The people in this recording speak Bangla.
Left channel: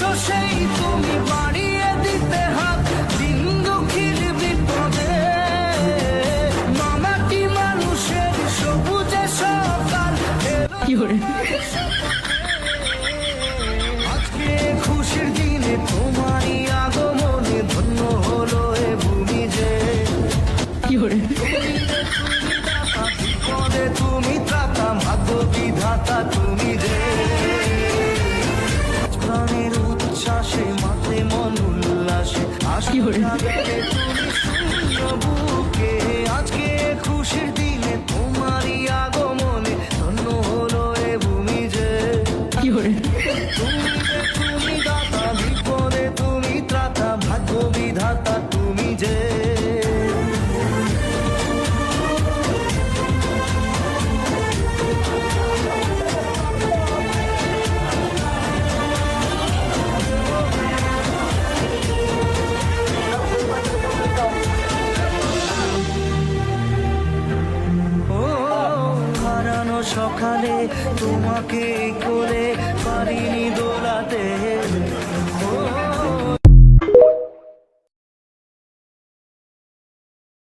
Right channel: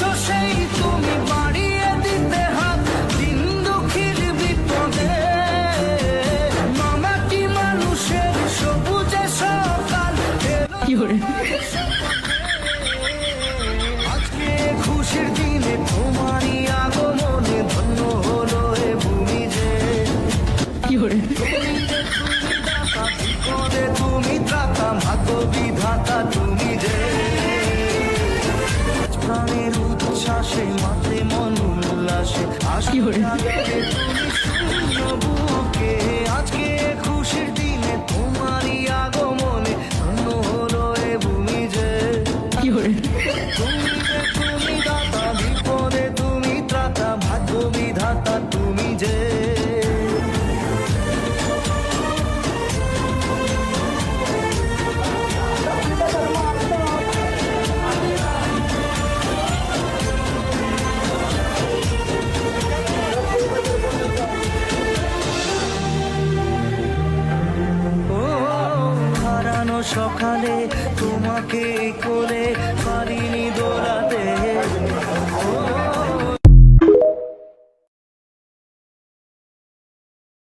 এসেছো সেই তুমি বাড়িয়ে দিতে হাত দিন দুঃখীর বিপদে। মামাটি মানুষের সবুজে সকাল আজকে খুশির দিনে তোমারই আগমনে ধন্য হলো এ ভূমি যে। বিপদে তুমি ত্রাতা ভাগ্য বিধাতা তুমি যে। প্রাণের উচ্ছ্বাসে মাঠে মন উল্লাসে তুমি শূন্য বুকে। আজকে খুশির দিনে তোমারই আগমনে ধন্য হলো এ ভূমি যে। তুমি দাতা বিপদে তুমি ত্রাতা ভাগ্য বিধাতা তুমি যে। হারানো সকালে তোমাকে কোলে পারিনি দোলাতে।